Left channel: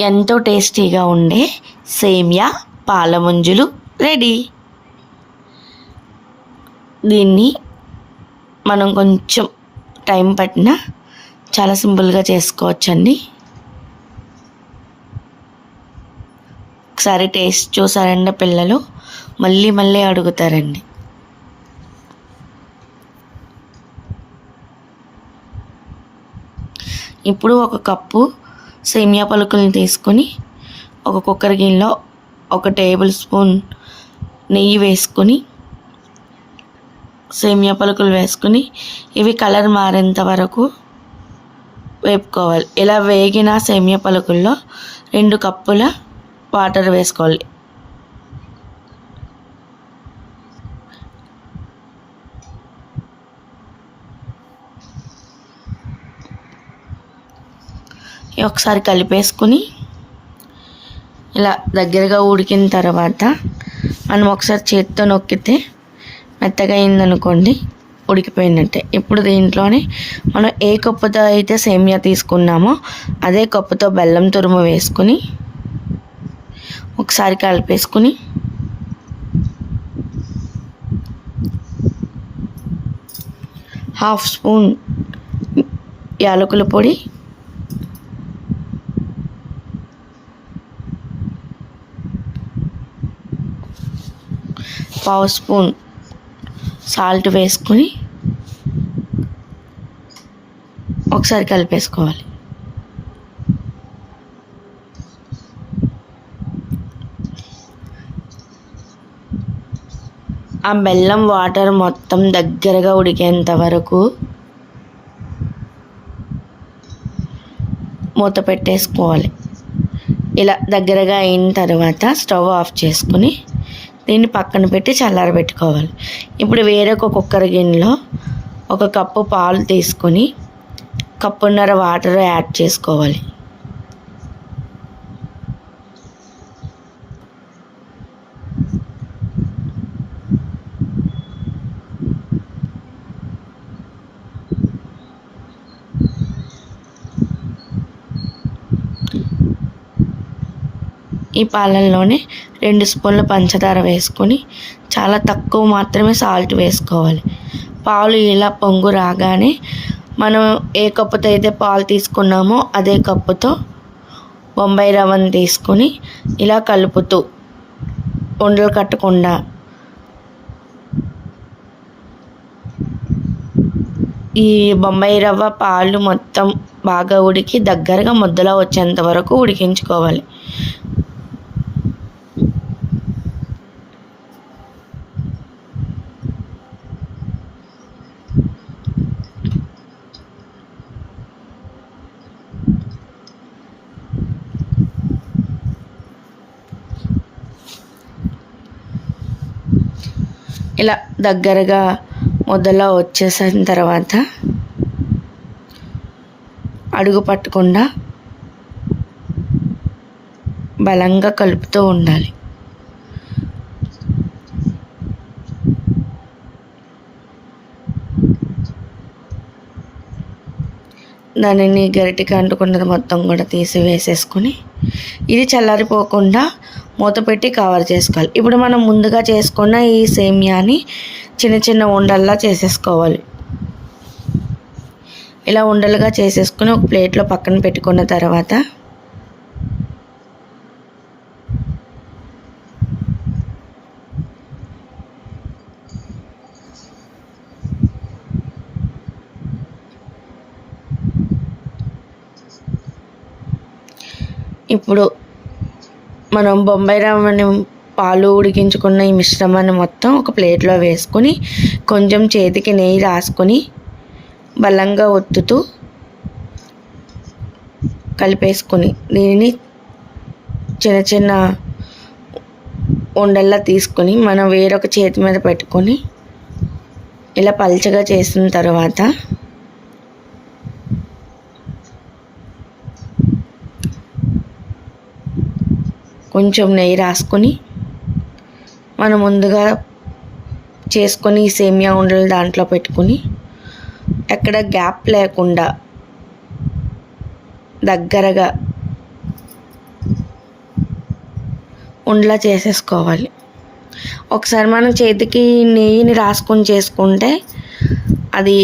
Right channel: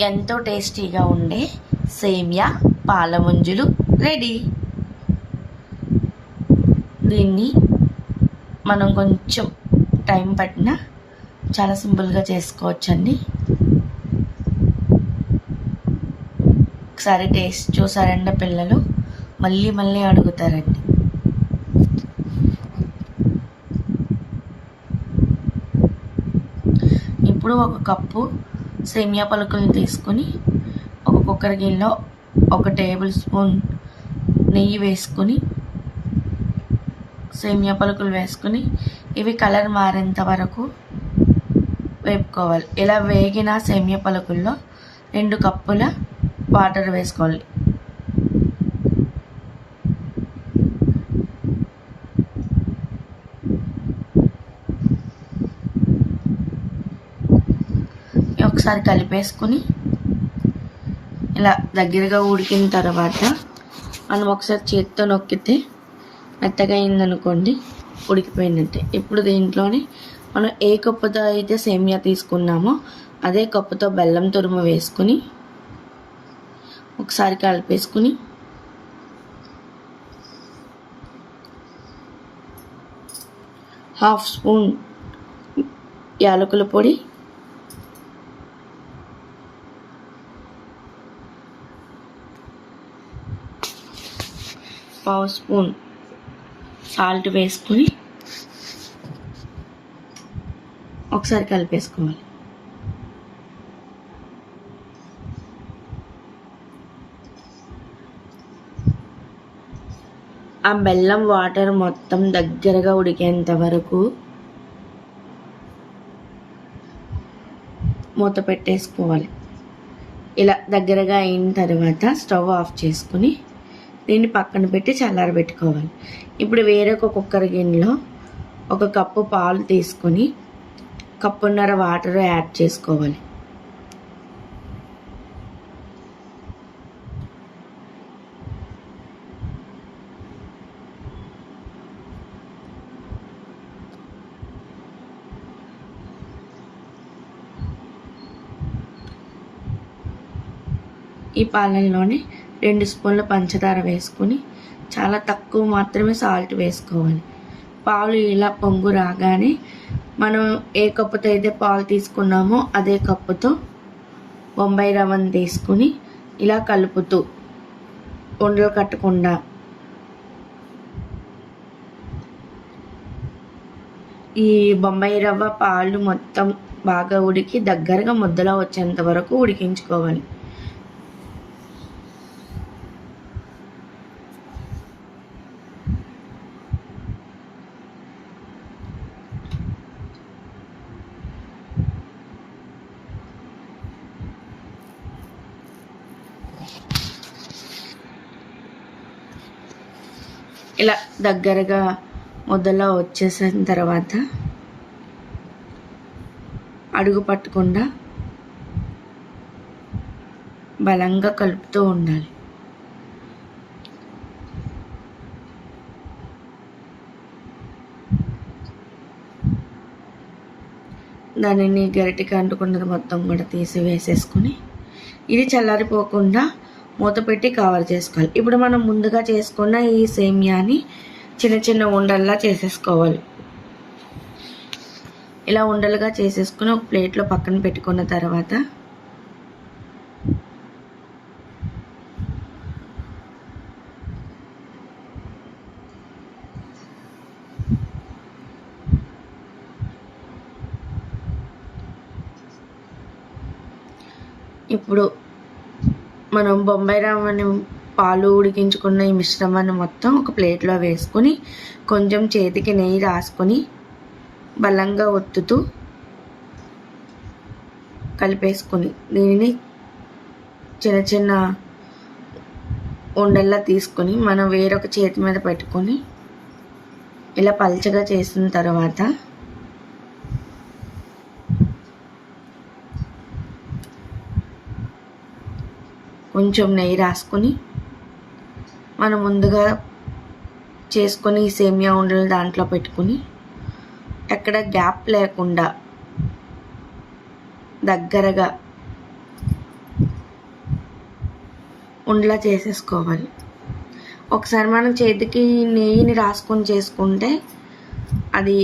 ఎంతో టేస్టీగా ఉండే సేమియా పాల ముంజులు రెడీ. దీన్ని మనం కొంచెం టైం పట్టినా చాలా సింపుల్గా చేసుకోవచ్చండి. ఒకసారి టేస్ట్ చూసారంటే పిల్లలు మళ్ళీ మళ్ళీ అడుగుతారండి. ఇప్పుడు ఒక కప్పు సేమియా పలుకులను తీసుకొని ఒక కుక్కర్ గిన్నెలో ఒక టేబుల్ స్పూన్ నెయ్యి వేసుకొని సేమియా పలుకులు వేసుకొని ఇవి కలర్ మారేంత వరకు వేపుకోవాలి. ఇలా వేగిన సేమియా పలుకుల్లో రెండు కప్పుల వాటర్ వేసుకోవాలి. ఒకసారి కలిపేసుకుని ఇలా దగ్గరగా ఉడికిన తర్వాత మనం ఒకసారి చేతితో నొక్కితే మెత్తగా అయిందనుకోండి ఉడికిపోయినట్టే ఇప్పుడు దీంట్లోనే మనం ఏ కప్పుతో అయితే సేమియా తీసుకున్నామో అదే కప్పుతో బెల్లం తురుము వేసుకుని ఒకసారి కలిపేసుకుని హాఫ్ స్పూన్ యాలకుల పొడి పావు స్పూన్ సాల్ట్ వేసుకొని ఒకసారి కలిపేసుకోవాలి. ఆ బెల్లం వాటర్ మొత్తం దగ్గరగా ఉడికేంత వరకు మూత పెట్టేసుకోవాలి. ఇలా దగ్గరగా అయిన తర్వాత స్టవ్ ఆఫ్ చేసుకుని దీన్ని పక్కన పెట్టి చల్లారబెట్టుకోవాలి ఇప్పుడు వేరొక కుక్కర్ గిన్నెలో ఒక కప్పు పాలు తీసుకొని కప్పున్నర వాటర్ యాడ్ చేసుకోవాలి. ఈ పాలల్లోనే రెండు స్పూన్ల పంచదార వేసుకొని చాలా తక్కువ మాత్రమే సాల్ట్ వేసుకోవాలి. పాలు ఇలా పొంగు రాగానే మనం ఏ కప్పుతో అయితే పాలు తీసుకున్నామో అదే కప్పుతో బొంబాయి రవ్వను తీసుకొని ఇలా కలుపుతూ ఉండలు కట్టకుండా ఈ బొంబాయి రవ్వ పాలు మొత్తం బాగా ఉడికి దగ్గరగా ముద్దలో వచ్చేంత వరకు ఉడికించుకోవాలి. ఇలా దగ్గరగా ముద్దలా వచ్చేసిన తర్వాత అడుగు పట్టకుండా బలంగా కలుపుతూ ఉండాలి. దానిని గరిటికి అంటుకున్నది మొత్తం కూడా తీసి వేసేసుకొని ఇది చల్లారిపోకుండా మూత పెట్టి కవర్ చేసుకోవాలి. ఇప్పుడు మనం ముందుగా చేసుకున్న ఈ సేమియాని చిన్న చిన్న ఉండల్లా చేసేసుకోవాలి. ఇలా ఉండలుగా చేసేసుకుని ఒక ప్లేట్లో పక్కన పెట్టుకున్న తర్వాత ఇప్పుడు మనం బొంబాయి రవ్వని పాలు ఉడికించుకున్న ఈ మిశ్రమాన్ని మొత్తం ఒక ప్లేట్లో వేసుకొని కొంచెం చేతికి నెయ్యి రాసుకొని బలంగా ఒత్తుతూ కలిపేసుకొని దీనిని చిన్న చిన్న ఉండల్లా తీసుకొని మనం వేరొక చేతి మీద పెట్టుకొని ఇలా పల్చగా చేసిన తర్వాత కొంచెం నెయ్యి రాసుకొని మనం ముందుగా చేసుకొని సేమియా ఉండలు దాంట్లో పెట్టుకొని ఎక్కడ గ్యాప్ లేకుండా దగ్గరగా ఉండలా చేసేసుకోవాలి. ఒకసారి మనం చేతికి నెయ్యిని రాసుకొని చేసుకుంటే అది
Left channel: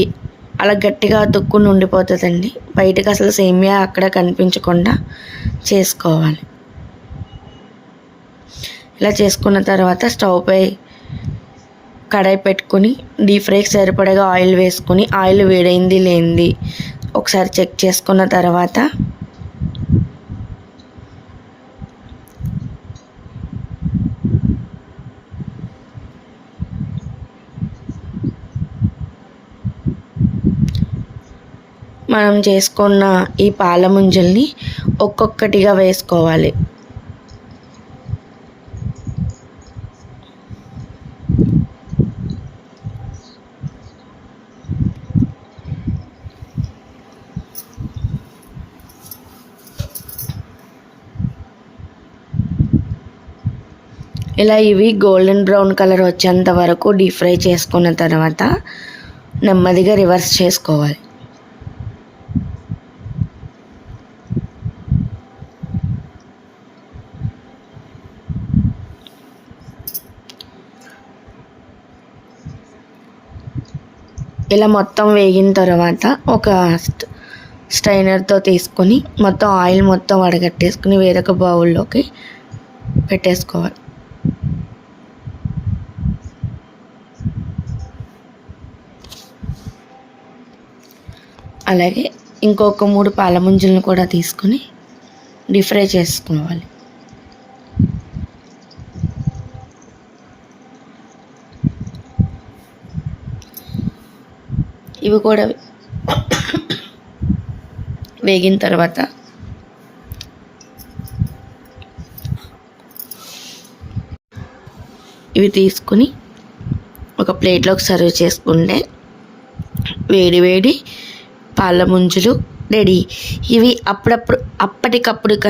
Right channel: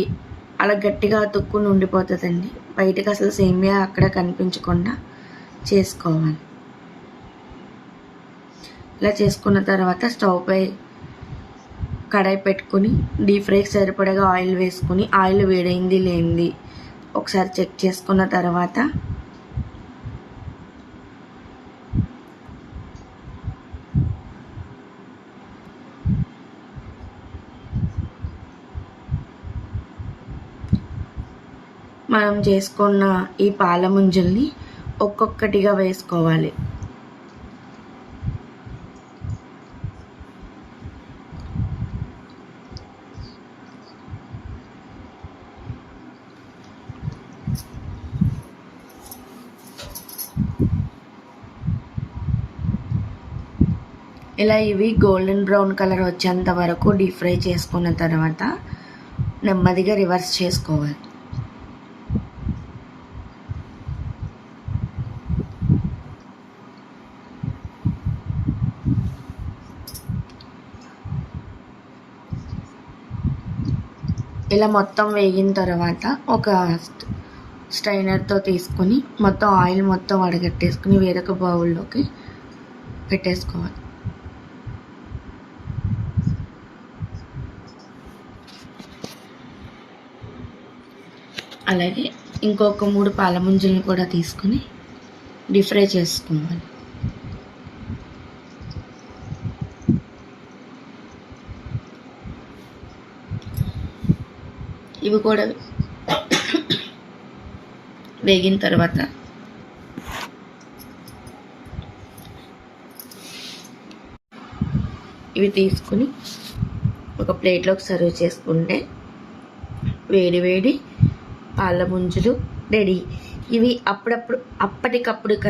అలా గట్టిగా తొక్కుని ఉండిపోతుందండి బయటకు అసలు సేమియా అక్కడ కనిపించకుండా చేసుకోవాలి. ఇలా చేసుకున్న తర్వాత స్టవ్ పై కడాయి పెట్టుకుని డీప్ ఫ్రైకి సరిపడగా ఆయిల్ వేసుకుని ఆయిల్ వేడైంది లేనిది ఒకసారి చెక్ చేసుకున్న తర్వాత మనం చేసుకున్న ఈ పాల ముంజల్ని ఒక్కొక్కటిగా వేసుకోవాలి. ఇలా ఇవి గోల్డెన్ బ్రౌన్ కలర్ వచ్చేంత వరకు డీప్ ఫ్రై చేసుకున్న తర్వాత నెమ్మదిగా రివర్స్ చేసుకోవాలి. ఇలా మొత్తం వేగిన తర్వాత ఒక స్ట్రైనర్తో తీసుకొని మొత్తం ఆయిల్ మొత్తం వడగట్టేసుకుని వేరొక బౌల్లోకి పెట్టేసుకోవాలి. అలాగే ఇంకొక మూడు పాల ముంజలను కూడా తీసుకొని డీప్ ఫ్రై చేసుకోవాలి ఇవి కూడా వేగిన తర్వాత ఇవి తీసుకుని ఒక ప్లేట్లోకి సర్వ్ చేసుకుంటే వేడి వేడి పాల ముంజులు రెడీ. ఇవి అప్పుడప్పుడు అప్పటికప్పుడు